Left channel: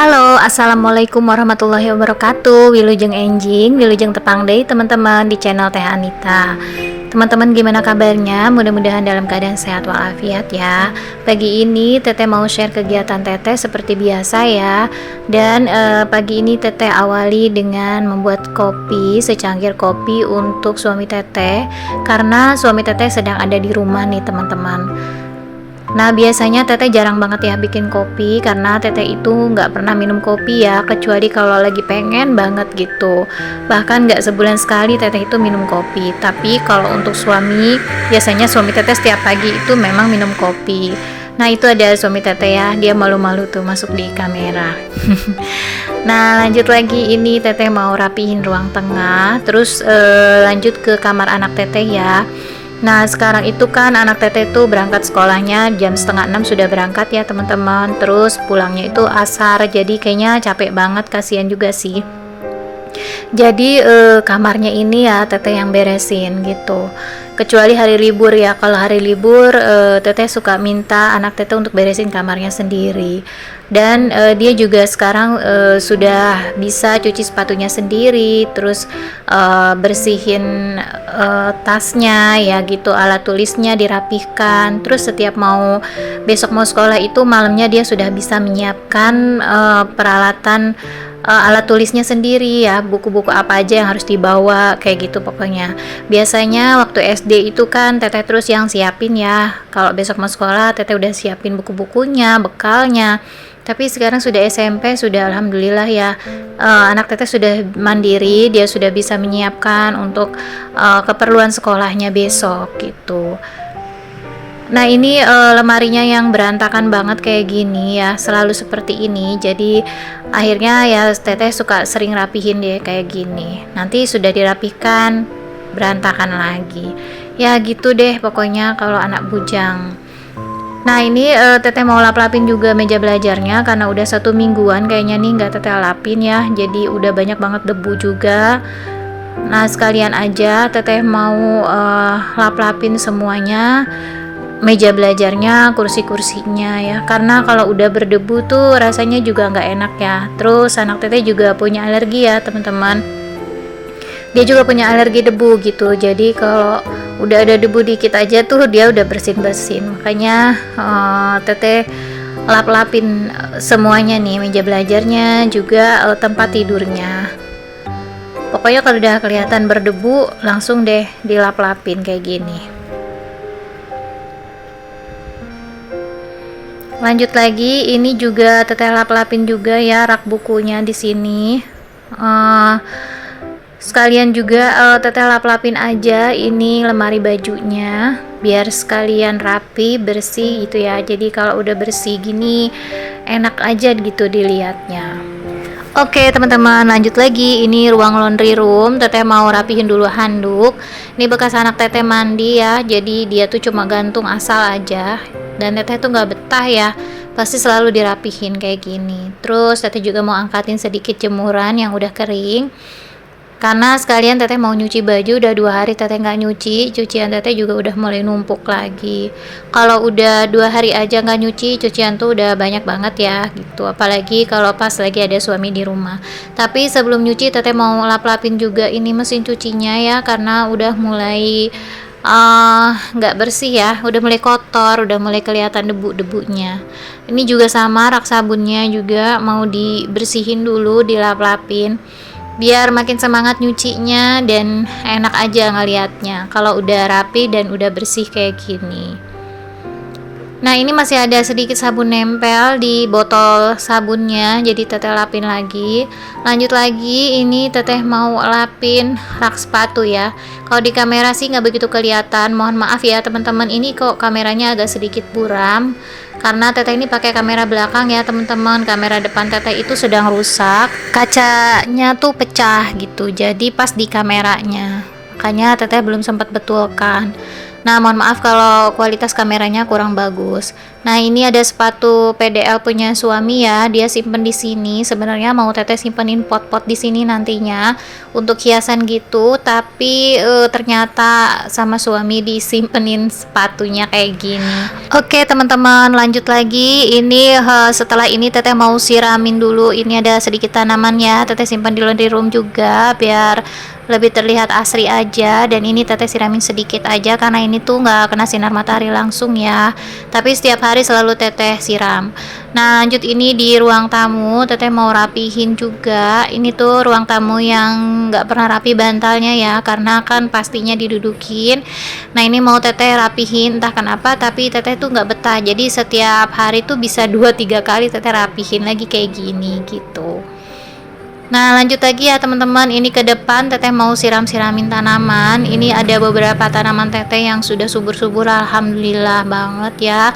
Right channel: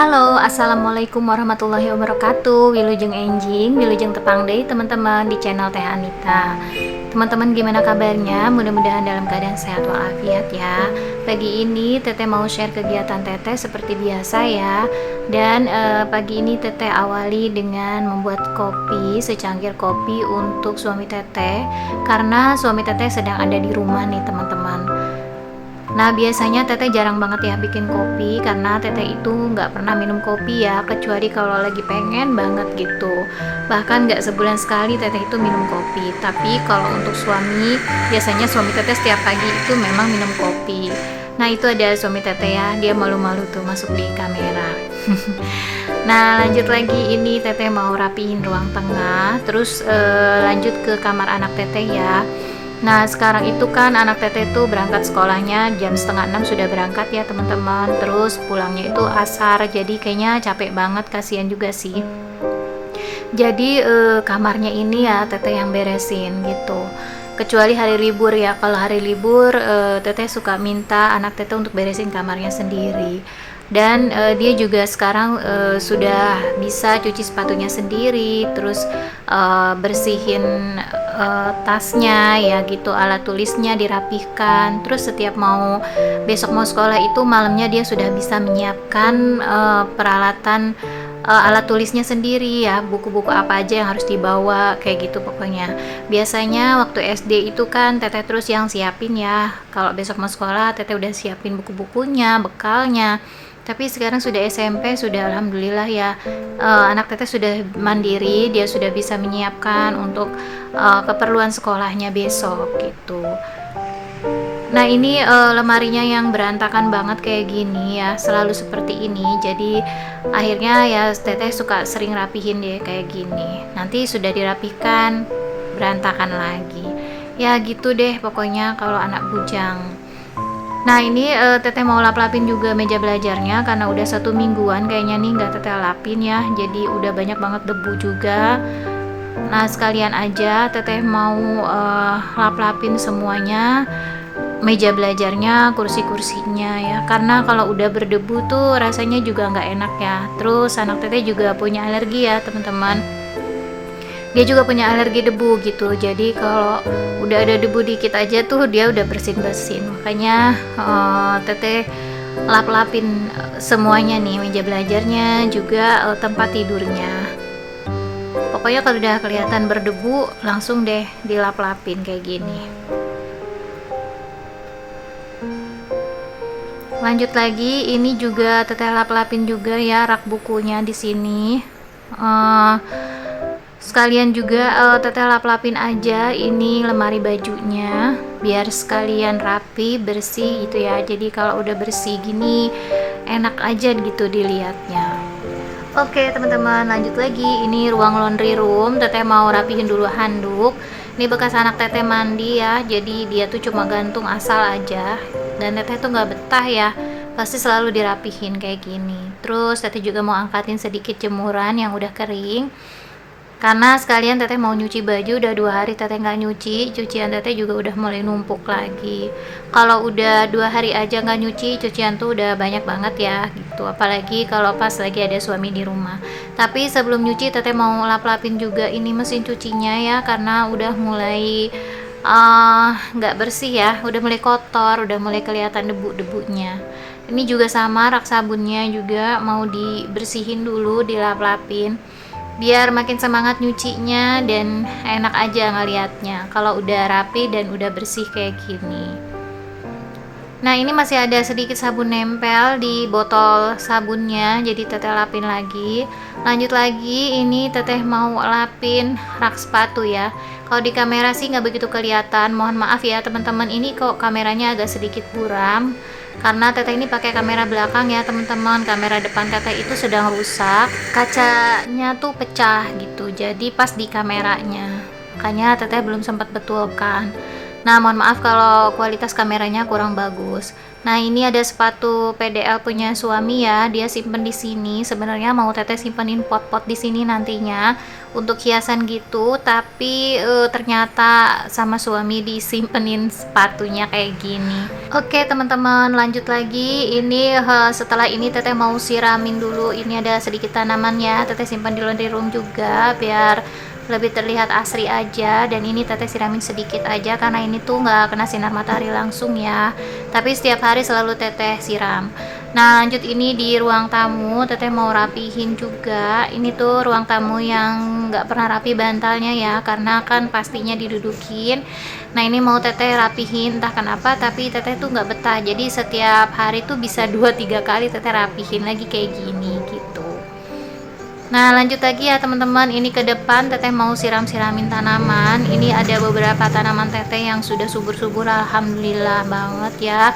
Halo, assalamualaikum warahmatullahi wabarakatuh. Wilujeng enjing, wilujeng tepang deui teman-teman di channel Teh Anita. Teman-teman gimana kabarnya? Mudah-mudahan dalam keadaan sehat walafiat ya. Pagi ini Teteh mau share kegiatan Teteh seperti biasa ya. Dan pagi ini Teteh awali dengan membuat kopi, secangkir kopi untuk suami Teteh. Karena suami Teteh sedang ada di rumah nih teman-teman. Nah biasanya Teteh jarang banget ya bikin kopi karena Teteh itu nggak pernah minum kopi ya, kecuali kalau lagi pengen banget gitu. Bahkan nggak sebulan sekali Teteh itu minum kopi. Tapi kalau untuk suami, biasanya suami Teteh setiap pagi itu memang minum kopi. Nah itu ada suami Teteh ya, dia malu-malu tuh masuk di kamera. Nah lanjut lagi, ini Teteh mau rapihin ruang tengah, terus lanjut ke kamar anak Teteh ya. Nah sekarang itu kan anak Teteh tuh berangkat sekolahnya jam setengah 6 sudah berangkat ya teman-teman. Terus pulangnya itu asar, jadi kayaknya capek banget, kasihan juga sih. Jadi kamarnya ini ya Teteh yang beresin gitu. Kecuali hari libur ya, kalau hari libur Teteh suka minta anak Teteh untuk beresin kamarnya sendiri. Dan dia juga sekarang sudah bisa cuci sepatunya sendiri, terus bersihin tasnya ya gitu, alat tulisnya dirapihkan. Terus setiap besok mau sekolah itu malamnya dia sudah bisa menyiapkan peralatan alat tulisnya sendiri ya, buku-buku apa aja yang harus dibawa kayak gitu pokoknya. Biasanya waktu SD itu kan Teteh terus yang siapin ya, kalau besok mau sekolah Teteh udah siapin buku-bukunya, bekalnya. Tapi sekarang sudah SMP, sudah alhamdulillah ya, anak Teteh sudah mandiri, dia sudah bisa menyiapkan untuk keperluan sekolahnya besok gitu. Nah ini lemarinya yang berantakan banget kayak gini ya, selalu seperti ini. Jadi akhirnya ya Teteh suka sering rapihin deh kayak gini. Nanti sudah dirapihkan berantakan lagi. Ya gitu deh pokoknya kalau anak bujang. Nah ini Teteh mau lap-lapin juga meja belajarnya karena udah 1 mingguan kayaknya nih nggak Teteh lapin ya. Jadi udah banyak banget debu juga. Nah sekalian aja Teteh mau lap-lapin semuanya, meja belajarnya, kursi-kursinya ya, karena kalau udah berdebu tuh rasanya juga nggak enak ya. Terus anak Teteh juga punya alergi ya teman-teman, dia juga punya alergi debu gitu. Jadi kalau udah ada debu dikit aja tuh dia udah bersin-bersin. Makanya Teteh lap-lapin semuanya nih, meja belajarnya juga, tempat tidurnya. Pokoknya kalau udah kelihatan berdebu langsung deh dilap-lapin kayak gini. Lanjut lagi, ini juga Teteh lap-lapin juga ya rak bukunya di sini. Sekalian juga Teteh lap-lapin aja ini lemari bajunya biar sekalian rapi, bersih gitu ya. Jadi kalau udah bersih gini enak aja gitu dilihatnya. Oke teman-teman, lanjut lagi, ini ruang laundry room. Teteh mau rapihin dulu handuk. Ini bekas anak Teteh mandi ya, jadi dia tuh cuma gantung asal aja. Dan Teteh tuh nggak betah ya, pasti selalu dirapihin kayak gini. Terus Teteh juga mau angkatin sedikit jemuran yang udah kering, karena sekalian Teteh mau nyuci baju. Udah 2 hari Teteh nggak nyuci, cucian Teteh juga udah mulai numpuk lagi. Kalau udah 2 hari aja nggak nyuci, cucian tuh udah banyak banget ya gitu, apalagi kalau pas lagi ada suami di rumah. Tapi sebelum nyuci Teteh mau lap-lapin juga ini mesin cucinya ya, karena udah mulai nggak bersih ya, udah mulai kotor, udah mulai kelihatan debu-debunya. Ini juga sama, rak sabunnya juga mau dibersihin dulu, dilap-lapin biar makin semangat nyucinya dan enak aja ngelihatnya kalau udah rapi dan udah bersih kayak gini. Nah ini masih ada sedikit sabun nempel di botol sabunnya, jadi Teteh lapin lagi. Lanjut lagi, ini Teteh mau lapin rak sepatu ya. Kalau di kamera sih nggak begitu kelihatan, mohon maaf ya teman-teman, ini kok kameranya agak sedikit buram karena Teteh ini pakai kamera belakang ya teman-teman. Kamera depan Teteh itu sedang rusak, kacanya tuh pecah gitu, jadi pas di kameranya, makanya Teteh belum sempat betulkan. Nah, mohon maaf kalau kualitas kameranya kurang bagus. Nah, ini ada sepatu PDL punya suami ya. Dia simpen di sini. Sebenarnya mau teteh simpenin pot-pot di sini nantinya untuk hiasan gitu, tapi ternyata sama suami disimpenin sepatunya kayak gini. Oke, teman-teman, lanjut lagi. Ini setelah ini teteh mau siramin dulu. Ini ada sedikit tanamannya. Teteh simpan di laundry room juga biar lebih terlihat asri aja. Dan ini teteh siramin sedikit aja karena ini tuh nggak kena sinar matahari langsung ya, tapi setiap hari selalu teteh siram. Nah, lanjut ini di ruang tamu teteh mau rapihin juga. Ini tuh ruang tamu yang nggak pernah rapi bantalnya ya, karena kan pastinya didudukin. Nah, ini mau teteh rapihin entah kenapa, tapi teteh tuh nggak betah, jadi setiap hari tuh bisa 2-3 kali teteh rapihin lagi kayak gini gitu. Nah, lanjut lagi ya teman-teman, ini ke depan teteh mau siram-siramin tanaman. Ini ada beberapa tanaman teteh yang sudah subur-subur, alhamdulillah banget ya.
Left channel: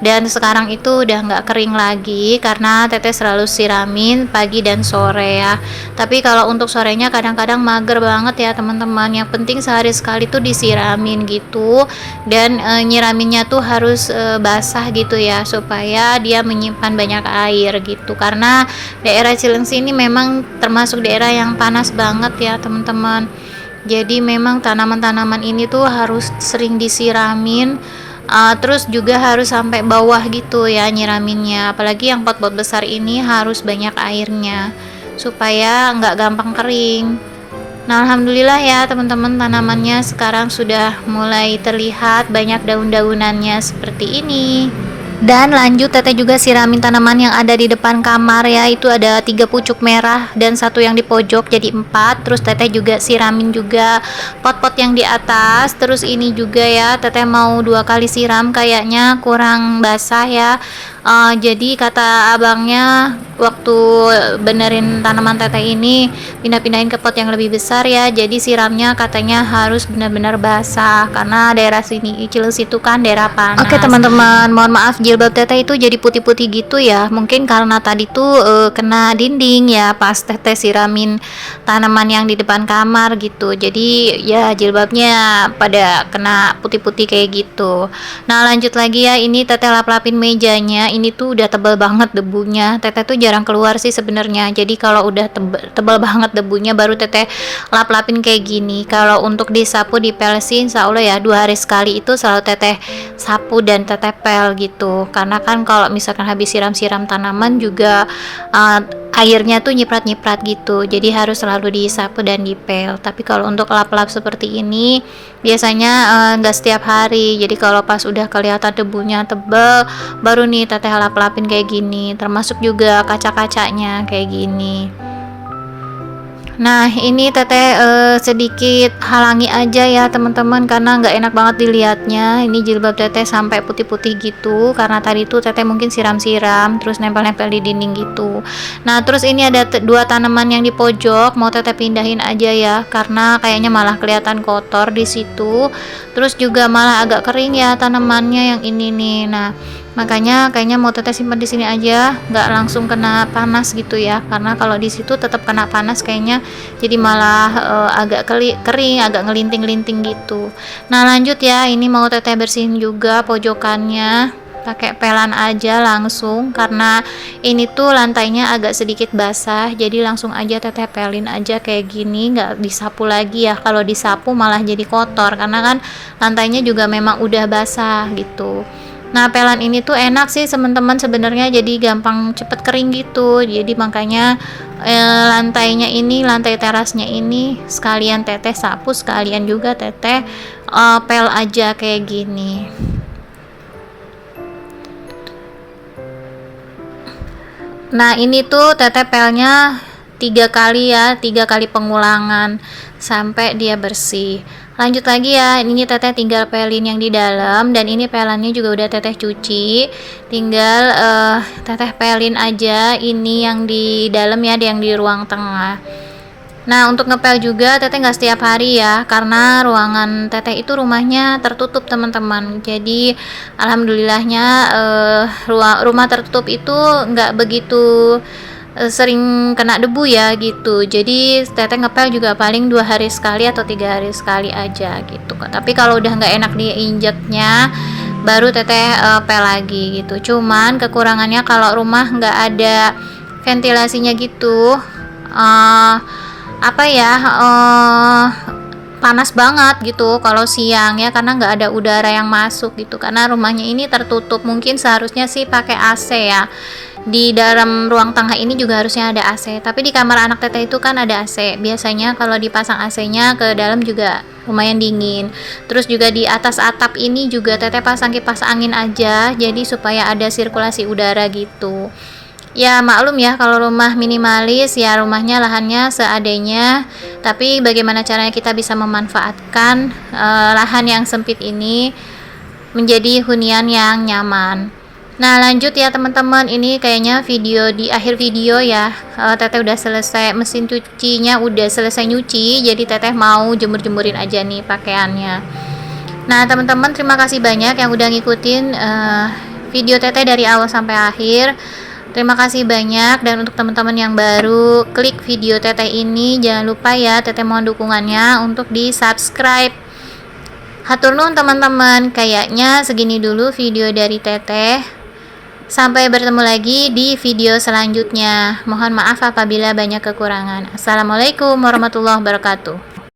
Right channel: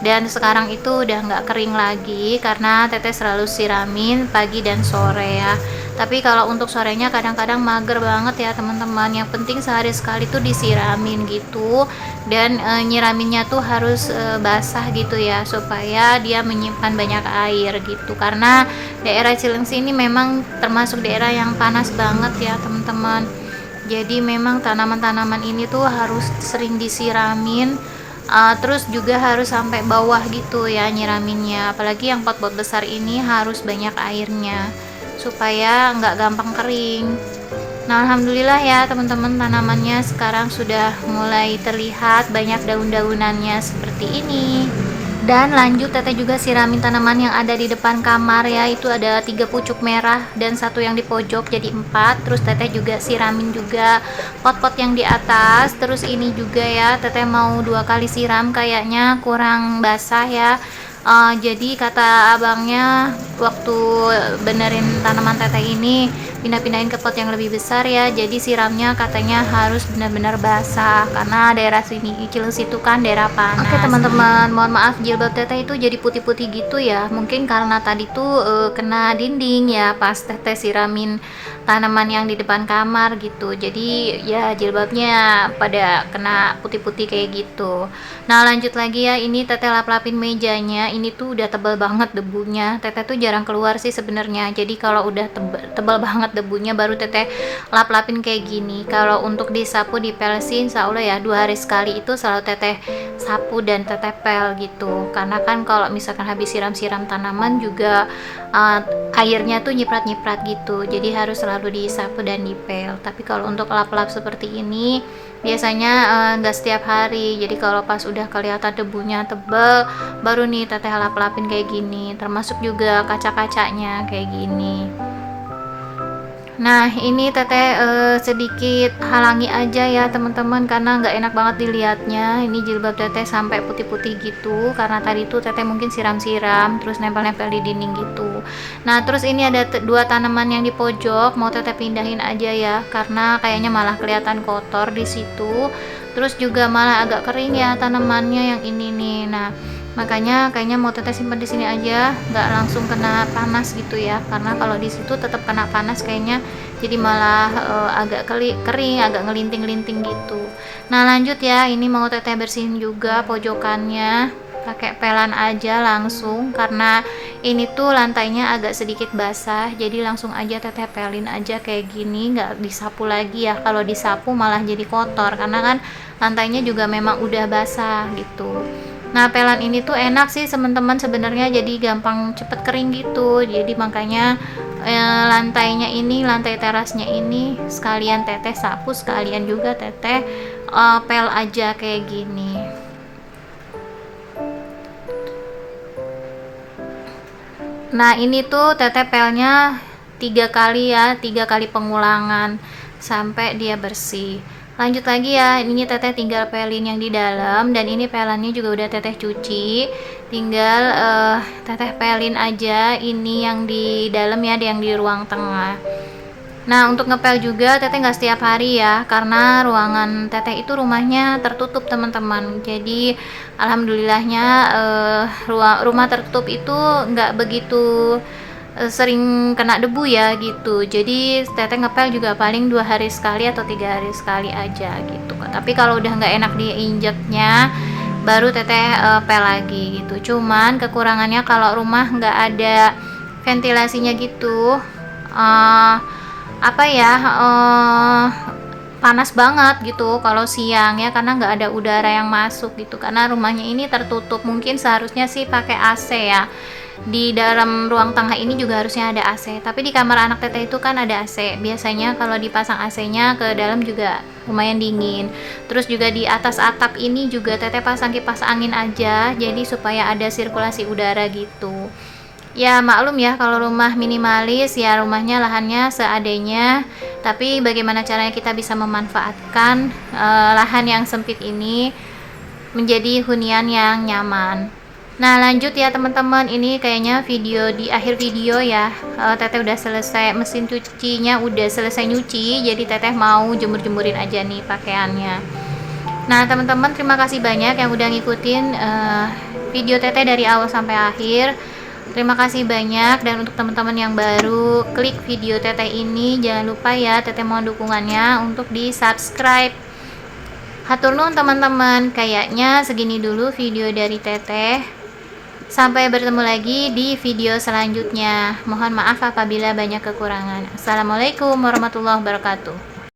Dan sekarang itu udah nggak kering lagi karena teteh selalu siramin pagi dan sore ya. Tapi kalau untuk sorenya kadang-kadang mager banget ya teman-teman. Yang penting sehari sekali tuh disiramin gitu. Dan nyiraminnya tuh harus basah gitu ya, supaya dia menyimpan banyak air gitu. Karena daerah Cilengsi ini memang termasuk daerah yang panas banget ya teman-teman. Jadi memang tanaman-tanaman ini tuh harus sering disiramin. Terus juga harus sampai bawah gitu ya nyiraminnya, apalagi yang pot-pot besar ini harus banyak airnya supaya nggak gampang kering. Nah, alhamdulillah ya teman-teman, tanamannya sekarang sudah mulai terlihat banyak daun-daunannya seperti ini. Dan lanjut teteh juga siramin tanaman yang ada di depan kamar ya. Itu ada 3 pucuk merah dan satu yang di pojok, jadi 4. Terus teteh juga siramin juga pot-pot yang di atas. Terus ini juga ya, teteh mau 2 kali siram, kayaknya kurang basah ya. Jadi kata abangnya waktu benerin tanaman teteh ini pindah-pindahin ke pot yang lebih besar ya, jadi siramnya katanya harus benar-benar basah karena daerah sini Cilengsi itu kan daerah panas. Oke teman-teman, mohon maaf jilbab teteh itu jadi putih-putih gitu ya, mungkin karena tadi tuh kena dinding ya pas teteh siramin tanaman yang di depan kamar gitu, jadi ya jilbabnya pada kena putih-putih kayak gitu. Nah, lanjut lagi ya, ini teteh lap-lapin mejanya. Ini tuh udah tebal banget debunya. Teteh tuh jarang keluar sih sebenarnya. Jadi kalau udah tebal banget debunya baru teteh lap-lapin kayak gini. Kalau untuk disapu dipelsin, insya Allah ya 2 hari sekali itu selalu teteh sapu dan teteh pel gitu. Karena kan kalau misalkan habis siram-siram tanaman juga airnya tuh nyiprat-nyiprat gitu. Jadi harus selalu disapu dan dipel. Tapi kalau untuk lap-lap seperti ini biasanya nggak setiap hari. Jadi kalau pas udah kelihatan debunya tebal baru nih teteh lap-lapin kayak gini, termasuk juga kaca-kacanya kayak gini. Nah, ini teteh sedikit halangi aja ya teman-teman karena nggak enak banget dilihatnya. Ini jilbab teteh sampai putih-putih gitu karena tadi tuh teteh mungkin siram-siram terus nempel-nempel di dinding gitu. Nah, terus ini ada 2 tanaman yang di pojok mau teteh pindahin aja ya karena kayaknya malah kelihatan kotor di situ. Terus juga malah agak kering ya tanamannya yang ini nih. Nah, makanya kayaknya mau teteh simpan di sini aja, nggak langsung kena panas gitu ya, karena kalau di situ tetap kena panas kayaknya, jadi malah agak kering, agak ngelinting-linting gitu. Nah, lanjut ya, ini mau teteh bersihin juga pojokannya pakai pelan aja langsung karena ini tuh lantainya agak sedikit basah, jadi langsung aja teteh pelin aja kayak gini, nggak disapu lagi ya. Kalau disapu malah jadi kotor karena kan lantainya juga memang udah basah gitu. Nah, pelan ini tuh enak sih teman-teman sebenarnya, jadi gampang cepet kering gitu. Jadi makanya lantainya ini, lantai terasnya ini sekalian teteh sapu, sekalian juga teteh pel aja kayak gini. Nah, ini tuh teteh pelnya 3 kali ya, 3 kali pengulangan sampai dia bersih. Lanjut lagi ya, ini teteh tinggal pelin yang di dalam dan ini pelannya juga udah teteh cuci. Tinggal teteh pelin aja ini yang di dalam ya, yang di ruang tengah. Nah, untuk ngepel juga teteh nggak setiap hari ya, karena ruangan teteh itu rumahnya tertutup teman-teman. Jadi alhamdulillahnya rumah tertutup itu nggak begitu sering kena debu ya gitu. Jadi teteh ngepel juga paling 2 hari sekali atau 3 hari sekali aja gitu. Tapi kalau udah nggak enak diinjeknya baru teteh pel lagi gitu. Cuman kekurangannya kalau rumah nggak ada ventilasinya gitu, apa ya, panas banget gitu kalau siang ya, karena nggak ada udara yang masuk gitu, karena rumahnya ini tertutup. Mungkin seharusnya sih pakai AC ya, di dalam ruang tengah ini juga harusnya ada AC, tapi di kamar anak teteh itu kan ada AC. Biasanya kalau dipasang AC-nya ke dalam juga lumayan dingin. Terus juga di atas atap ini juga teteh pasang kipas angin aja, jadi supaya ada sirkulasi udara gitu. Ya maklum ya, kalau rumah minimalis ya rumahnya lahannya seadanya, tapi bagaimana caranya kita bisa memanfaatkan lahan yang sempit ini menjadi hunian yang nyaman. Nah lanjut ya teman-teman, ini kayaknya video di akhir video ya, teteh udah selesai, mesin cucinya udah selesai nyuci, jadi teteh mau jemur-jemurin aja nih pakaiannya. Nah teman-teman, terima kasih banyak yang udah ngikutin video teteh dari awal sampai akhir. Terima kasih banyak, dan untuk teman-teman yang baru klik video teteh ini, jangan lupa ya teteh mohon dukungannya untuk di subscribe. Hatur nuhun teman-teman, kayaknya segini dulu video dari teteh. Sampai bertemu lagi di video selanjutnya. Mohon maaf apabila banyak kekurangan. Assalamualaikum warahmatullahi wabarakatuh.